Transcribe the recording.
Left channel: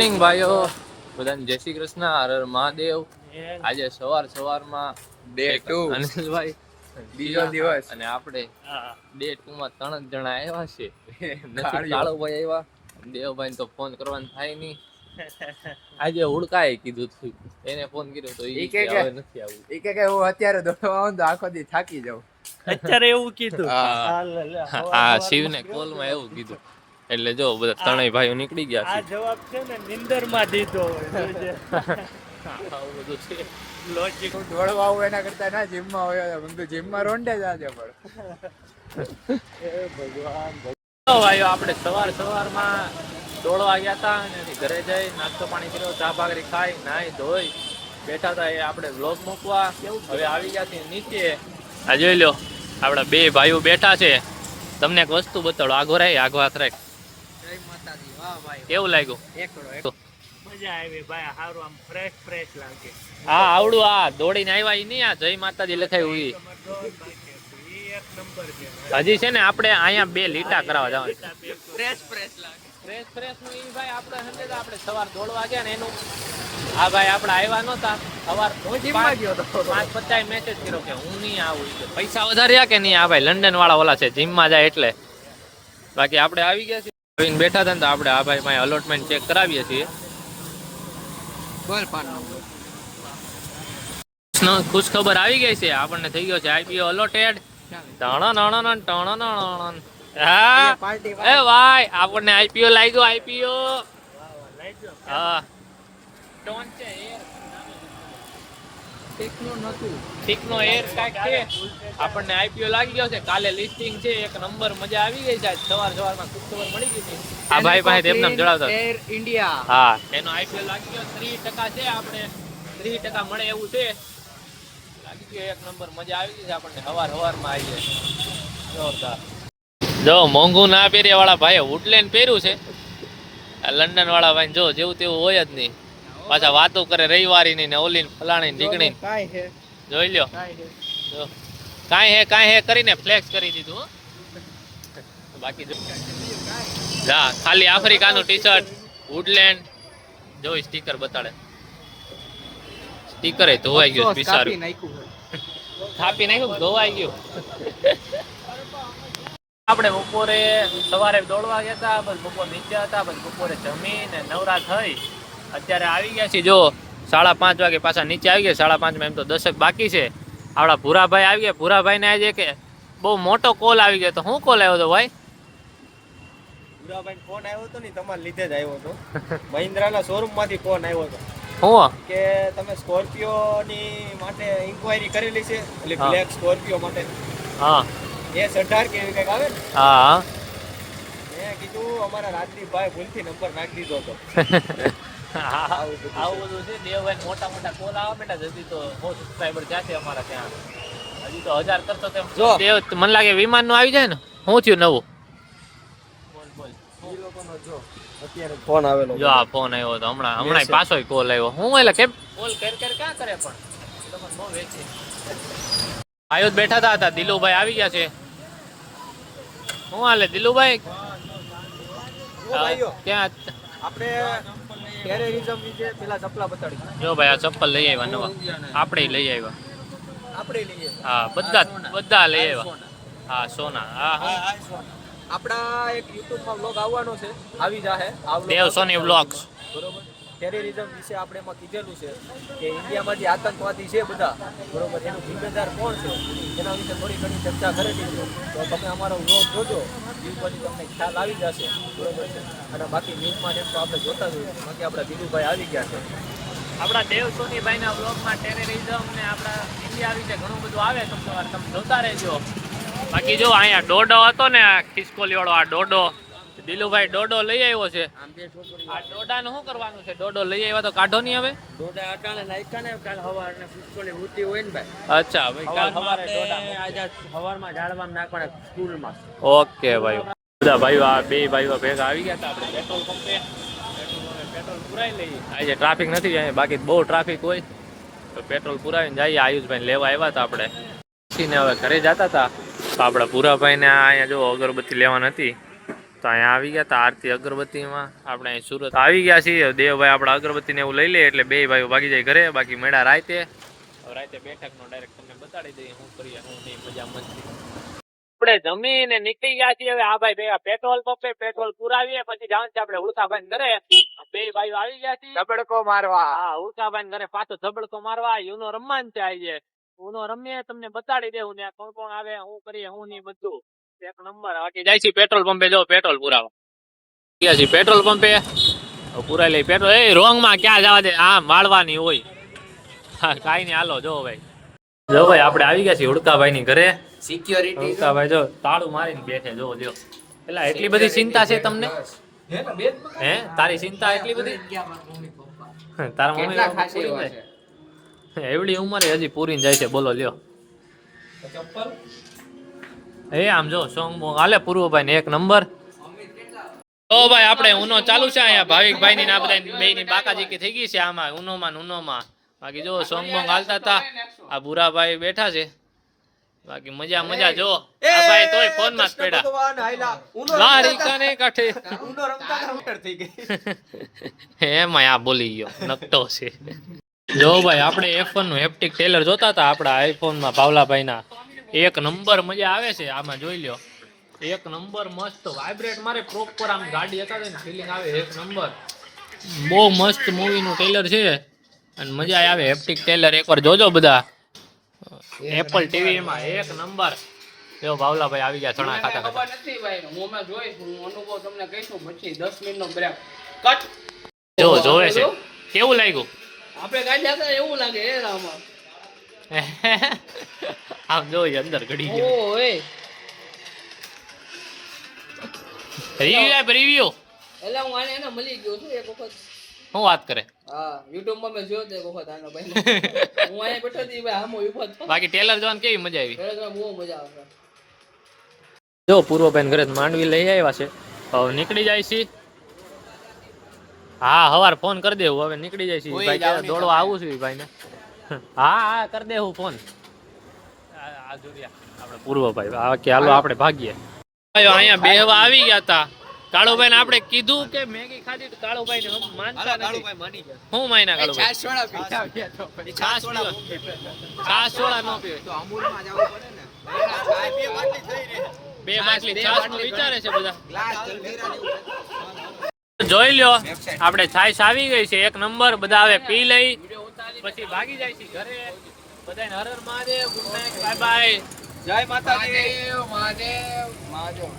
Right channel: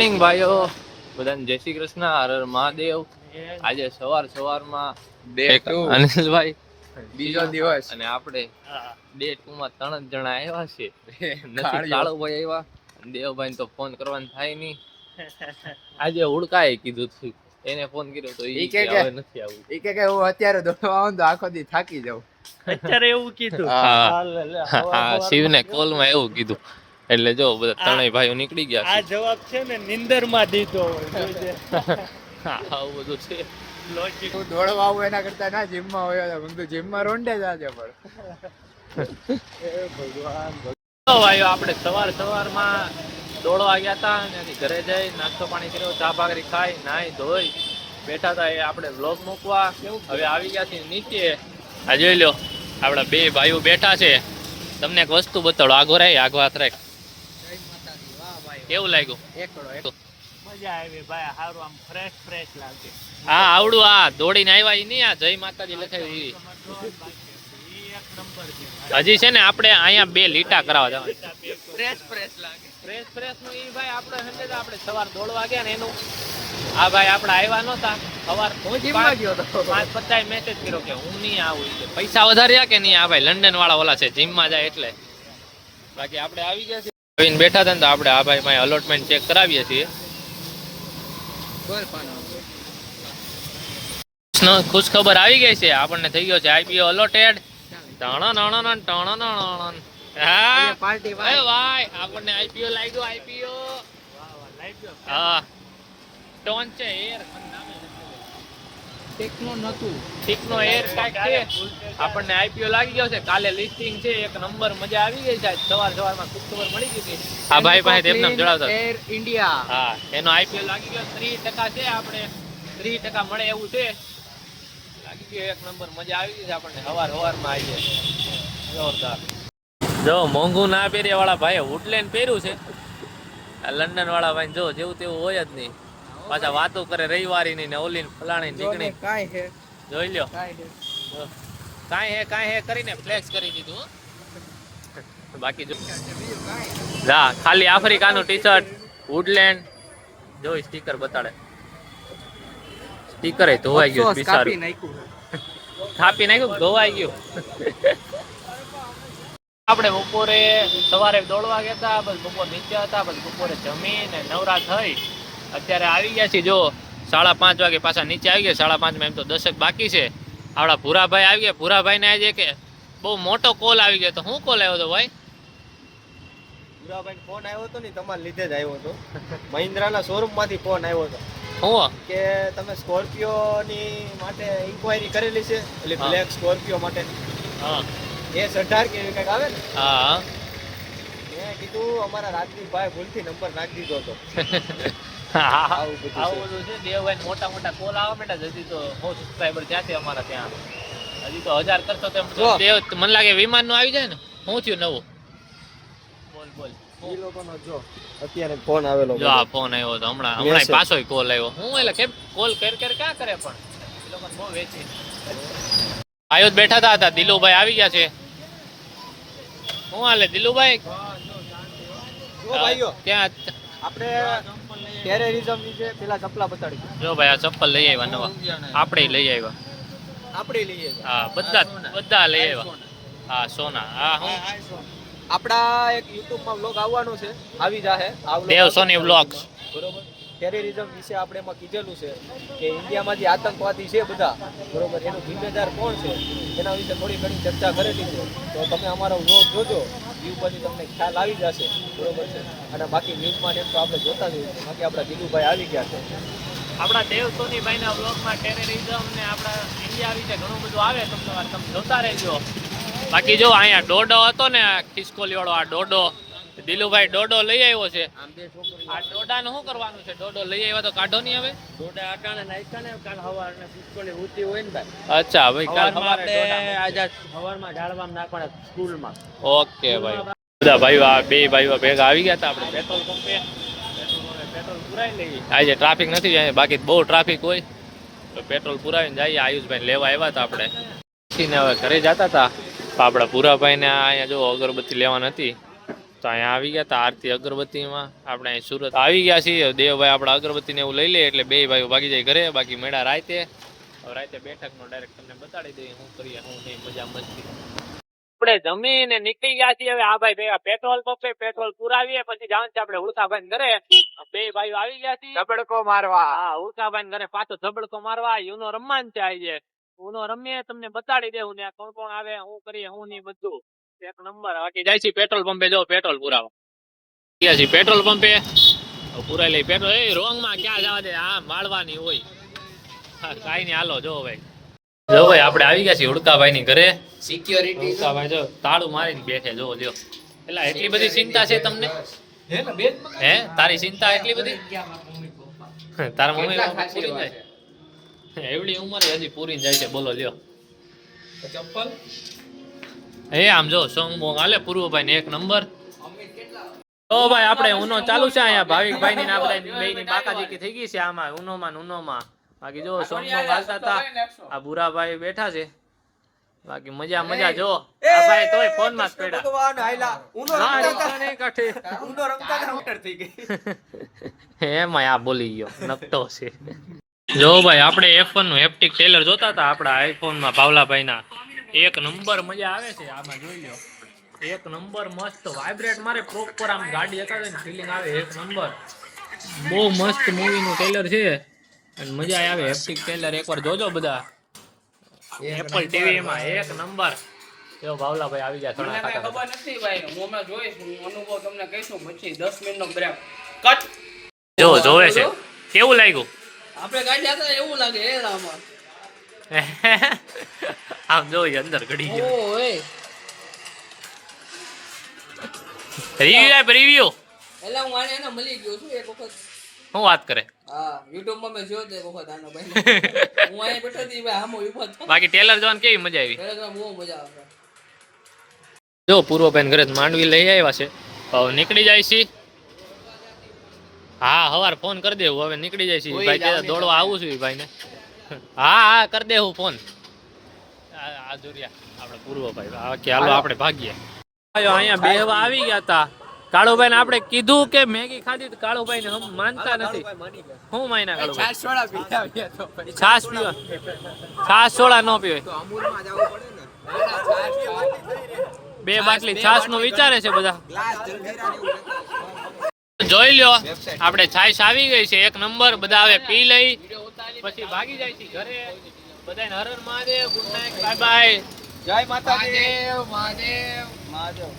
Morning ભાઈઓ, બધાને જય શ્રી કૃષ્ણ, હર હર મહાદેવ. આજે સવારમાં અનિલભાઈ બીજો દિવસ અને આપણે ડે 2 માં 3 જણા આવ્યા છે. નથી કાળુભાઈ આવ્યા, દેવભાઈ તો ફોન કરવાનું થાય નહીં. આજે હુડકાએ કીધું હતું, એને ફોન કર્યો તો ઈ કે હવે નથી આવું. ઈ કે હું અત્યારે દોડવા આવું તો આખો દી થાકી જાઉં. અત્યારે એવું કીધું. હા, શિવને કોલમાં એવું કીધું. એટલે જો બધા ત્રણેય ભાઈઓ નીકળી ગયા છે. આ જવાબ છે ને નિંદરમાં દીધો હોય જોજે. આવું બધું છે. લોજિક દોડવા આવું એના કરતા ના જીમમાં હોય તો જીમમાં રોંડે જ આજે પણ. એ ભગવાન ભાઈઓ, આપણે સવારમાં દોડવા ગયા હતા અને ઘરે જઈ નાસ્તો પાણી કર્યો, ચા ભાખરી ખાઈ નાઈ ધોઈ બેઠા હતા. એ આપણે વ્લોગ મૂકવા હવે આવી ગયા છીએ નીચે. આ જોઈ લો, આપણા બે ભાઈઓ બેઠા છે. તમને એક વસ્તુ બતાડો. આગો હાથ રાખ. કેવું લાગ્યું? મજા આવી ભાઈ, સારું આમ ફ્રેશ લાગે. હા, આવડું આ દોડીને આવ્યા ઈ નહીં, આ જય માતાજી લખાયું ઈ. એક નંબર છે. હજી છે ને આપણે અહીંયા 2 લીટા કરાવવા જવાનું. ફ્રેશ લાગે. ફ્રેશ નું ઈ ભાઈ આપણે સવાર દોડવા ગયા ને એનું. આ ભાઈ આપણે આવ્યા નહોતા સવાર, હું જીમમાં ગયો તો 5:50 મેસેજ કર્યો કે હું નહીં આવું. પૈસા વધાર્યા કે નહીં? આ ભાઈ લંડન વાળા ઓલા છે, જીમમાં જાય એટલે. બાકી આપણે આવી ગયા છીએ, બેઠા હતા ને તો આપણે આ ભાઈ પાસે અલોટમેન્ટ ચેક કરાવીએ છીએ. ખુશ ખબર આવી ગઈ છે, આપણને થઈ ગયો છે આઈપીઓ અલોટેડ. હા ભાઈ, આપણને આઈપીઓ લાગ્યો. આઈપીઓ હા, ટોન છે એર ઠીકનો એર કાંઈક છે. આપણને આઈપીઓ લાગી ગયો છે. કાલે લિસ્ટિંગ છે, એક નંબર. મજા આવી ગઈ છે. સવારમાં ખુશ ખબર મળી ગઈ હતી. આ ભાઈ પાસે તેમને જણાવતા એર ઇન્ડિયા. હા, એનો આઈપીઓ લાગી ગયો. 3% છે, આપણે 3% મળે એવું છે. લાગી ગયો એક નંબર. મજા આવી ગઈ છે આપણને. સવારમાં આવી જાય જોરદાર. જો મોંઘું ના પહેર્યા વાળા ભાઈ વુડલેન્ડ પહેર્યું છે. આ લંડન વાળા ભાઈ જો જેવું તેવું હોય જ નહીં. પાછા વાતો કરે રવિવારી ની ને ઓલી ફલાણી નીકળી. જોઈ લ્યો, કાંઈ હે કરીને ફ્લેક્સ કરી દીધું. બાકી જા ખાલી આફ્રિકાનું ટી-શર્ટ વુડલેન્ડ જોઈ સ્ટીકર બતાડે. સ્ટીકર ધોવાઈ ગયું, બિચારું કાપી નાખ્યું, ધોવાઈ ગયું. આપણે બપોરે સવારે દોડવા ગયા હતા, બસ બપોર નીચે હતા, બસ બપોરે જમીને નવરા થઈ અત્યારે આવી ગયા છીએ. જો 5:30 વાગે પાછા નીચે આવી ગયા. 5:30 એમ તો 10 બાકી છે. આપણા ભૂરાભાઈ આવી ગયા. ભૂરાભાઈને આજે કે બહુ મોટો કોલ આવી ગયો. તો શું કોલ આવ્યો હતો ભાઈ? ભૂરાભાઈ ફોન આવ્યો હતો ને, તમારા લીધે જ આવ્યો હતો. મહિન્દ્રાના શોરૂમ માંથી ફોન આવ્યો હતો. હું કે તમે સ્કોર્પિયો ની માટે ઇન્ક્વાયરી કરેલી છે, એટલે બ્લેક સ્કોર્પિયો માટે. હા, S18 કે એવી કંઈક આવે ને. હા, મેં કીધું અમારા રાજદીપભાઈ ભૂલથી નંબર નાખી દીધો હતો. આવું બધું છે. દેવભાઈ મોટા કોલ આવવા માંડ્યા. હજી તો 100 સબસ્ક્રાઈબર થયા છે અમારા ત્યાં. હજી તો 1000 કરશો તો દેવ મને લાગે વિમાન નું આવી જાય ને. શું થયું નવું? બોલ. અત્યારે ફોન આવેલો. જો આ ફોન આવ્યો હતો હમણાં પાછો કોલ આવ્યો. હું એટલે કેમ કોલ ક્યાં કરે પણ એ લોકોને બહુ વેચી. આયો બેઠા હતા. દિલુભાઈ આવી ગયા છે. શું હાલે દિલુભાઈ? ક્યાં આપણે ટેરરિઝમ વિશે પેલા ચપલા બતાડી. જો ભાઈ, આ ચપ્પલ લઈ આવ્યા નવા. આપણે લઈ આવ્યા. હા, બધા લઈ આવ્યા. હા, સોના. હા, હું આપણા એક YouTube માં વ્લોગ આવવાનો છે, આવી જાહે. દેવ સોની વ્લોગ્સ. બરોબર. ટેરરિઝમ વિશે આપણે એમાં કીધેલું છે કે ઇન્ડિયામાં જે આતંકવાદી છે બધા, બરોબર, એનું જિમ્મેદાર કોણ છે એના વિશે થોડી ઘણી ચર્ચા કરેલી છે. તો તમે અમારો વ્લોગ જોજો, યુટ્યુબથી તમને ખ્યાલ આવી જશે. બરોબર છે. અને બાકી ન્યૂઝમાં એમ તો આપણે જોતા જ હોઈએ. બાકી આપણા દિલુભાઈ આવી ગયા છે. આપણા દેવ સોનીભાઈના વ્લોગમાં ટેરરિઝમ ને આપણા ઇન્ડિયા વિશે ઘણું બધું આવે. તમે જોતા રહેજો. બાકી જો અહીંયા ડોડો હતો ને, ખિસકોલી વાળો આ ડોડો, દિલુભાઈ ડોડો લઈ આવ્યો છે. આ ડોડાનું શું કરવાનું છે? ડોડો લઈ આવ્યા તો કાઢો નહીં હવે. અચ્છા ભાઈ, કાલ સવારે સવારમાં ઝાડવામાં નાખવાના સ્કૂલમાં. ઓકે ભાઈ. બધા ભાઈઓ આ બે ભાઈઓ ભેગા આવી ગયા હતા. આપણે પેટ્રોલ પંપે પેટ્રોલ પુરાઈ લઈએ. આજે ટ્રાફિક નથી જાય, બાકી બહુ ટ્રાફિક હોય તો પેટ્રોલ પુરાવીને જઈએ. આયુષભાઈ લેવા આવ્યા હતા આપણે. હવે ઘરે જતા હતા. આપણા ભૂરાભાઈને અહીંયા જો અગરબત્તી લેવાની હતી તો અહીંયા આવી ગયા તા આરતી અગરબત્તીમાં. આપણે અહીં સુરત આવી ગયા છીએ. દેવભાઈ આપણા અગરબત્તીને એવું લઈ લે એટલે બે ભાઈઓ ભાગી જાય ઘરે. બાકી મેળા રાતે. હવે રાતે બેઠકનો ડાયરેક્ટ તમને બતાડી દઈએ શું કરીએ શું નહીં, મજા મસ્તી. આપણે જમીને નીકળી ગયા છીએ. હવે આ ભાઈ ભેગા પેટ્રોલ પંપે પેટ્રોલ પુરાવીએ પછી જવાનું છે આપણે ઉલ્કાભાઈ ઘરે. બે ભાઈઓ આવી ગયા છે ધબડકો મારવા. હા, ઉલ્કાભાઈ ઘરે પાછો ધબડકો મારવા. યુનો રમવાનું છે આજે. ઉનો રમીએ તમને બતાડી દેવું ને કોણ કોણ આવે શું કરીએ શું નહીં બધું એક નંબર. બાકી જાય છે પેટ્રોલ પંપે. જો પેટ્રોલ પુરાવા ગયા છે પેટ્રોલ પંપે. પુરાઈ લઈ પેટ્રોલ. એ રોંગ માં ક્યાં જવા દે, આ માળવાની હોય. હા, કાઈ નહીં, હાલો. જો ભાઈ આપણે આવી ગયા છીએ ઉડકાભાઈ ની ઘરે. સિક્યોરિટી ઉડકાભાઈ જો તાળું મારીને બેઠે. જો લ્યો એટલે એટલી બધી ચિંતા છે તમને? હે, તારી ચિંતા એટલી બધી? તારા મમ્મી પપ્પા પૂરી જાય? એવડી ઉંમરે હજી પૂરી જાય છે. બોલો લ્યો. એ આમ જો સોંગ બોંગ હાલે પૂર્વભાઈ ને એક નંબર. તો ભાઈ આપણે ઉનો ચાલુ છે અહીંયા. ભાવિકભાઈ ની આ બધા બે ની બાકાજીકી થઈ ગઈ છે આમાં ઉનોમાં. બાકી જો સોંગ બોંગ હાલતા હતા. આ ભૂરાભાઈ બેઠા છે. બાકી મજા જો આ ભાઈ તોય ફોન માં જ પડ્યા. એમાં આ બોલી ગયો નકટો છે. જો ભાઈ આપણે F1 નું હેપ્ટિક ટેલર જોતા હતા આપણા આઈફોન માં ભાવલાભાઈ ના. એક નંબર મજા આવે છે આમાં. જોઈ લ્યો એક નંબર મસ્ત વાઇબ્રેટ મારે પ્રોપર આમ ગાડી હતા ને ફીલિંગ આવે એક નંબર. બહુ મસ્ત મૂવી નું ટેલર છે અને મજા આવે. હેપ્ટિક ટેલર એકવાર જોજો બધા એપલ ટીવી માં. એક નંબર. જો ભાવલાભાઈ આવી ગયા ચણા ખાતા. ખબર નથી ભાઈ હું હમણાં જોઈશ, હું અનુભવ તમને કહીશું પછી 10 મિનિટનો બ્રેક કટ. જો જોવે છે કેવું લાગ્યું? આપણે ગાડી આગળ એવું લાગે એ રામાં. આમ જોઈ અંદર ઘડી ગયો. ઓય રિવ્યુ એલા હું આને એને મળી ગયો છું એક વખત. શું વાત કરે? હા, YouTube માં મેં જોયો તો એક વખત આનો ભાઈ. હું અહીંયા બેઠો હતી ભાઈ આમો ઊભો હતો. બાકી ટેલર જોવાની કેવી મજા આવી? ખરેખર બહુ મજા આવે. જો પૂર્વભાઈ ઘરે માંડવી લઈ આવ્યા છે. હવે નીકળી જાય છે. હા, હવાર ફોન કરી દેવું. હવે નીકળી જાય છે ભાઈ. કે દોડવા આવું છું ભાઈ ને. હા કરી દેવું ફોન. આ જોરિયા આપણે પૂર્વભાઈ કે હાલો આપણે ભાગીએ. અહીંયા બેહવા આવી ગયા હતા. કાળુભાઈ ને આપણે કીધું કે મેગી ખાધી તો કાળુભાઈ ને માનતા નથી. હું માયના કાળુભાઈ છાસ સોડા નો પીવે. બે બાટલી છાસ નું વિચારે છે બધા. જોઈ લ્યો આપણે છાશ આવી ગઈ છે એક નંબર. બધા હવે પી લઈ પછી ભાગી જાય છે ઘરે. બધાને Har Har Mahadev. Good night, bye bye. જય માતાજી. મહાદેવ.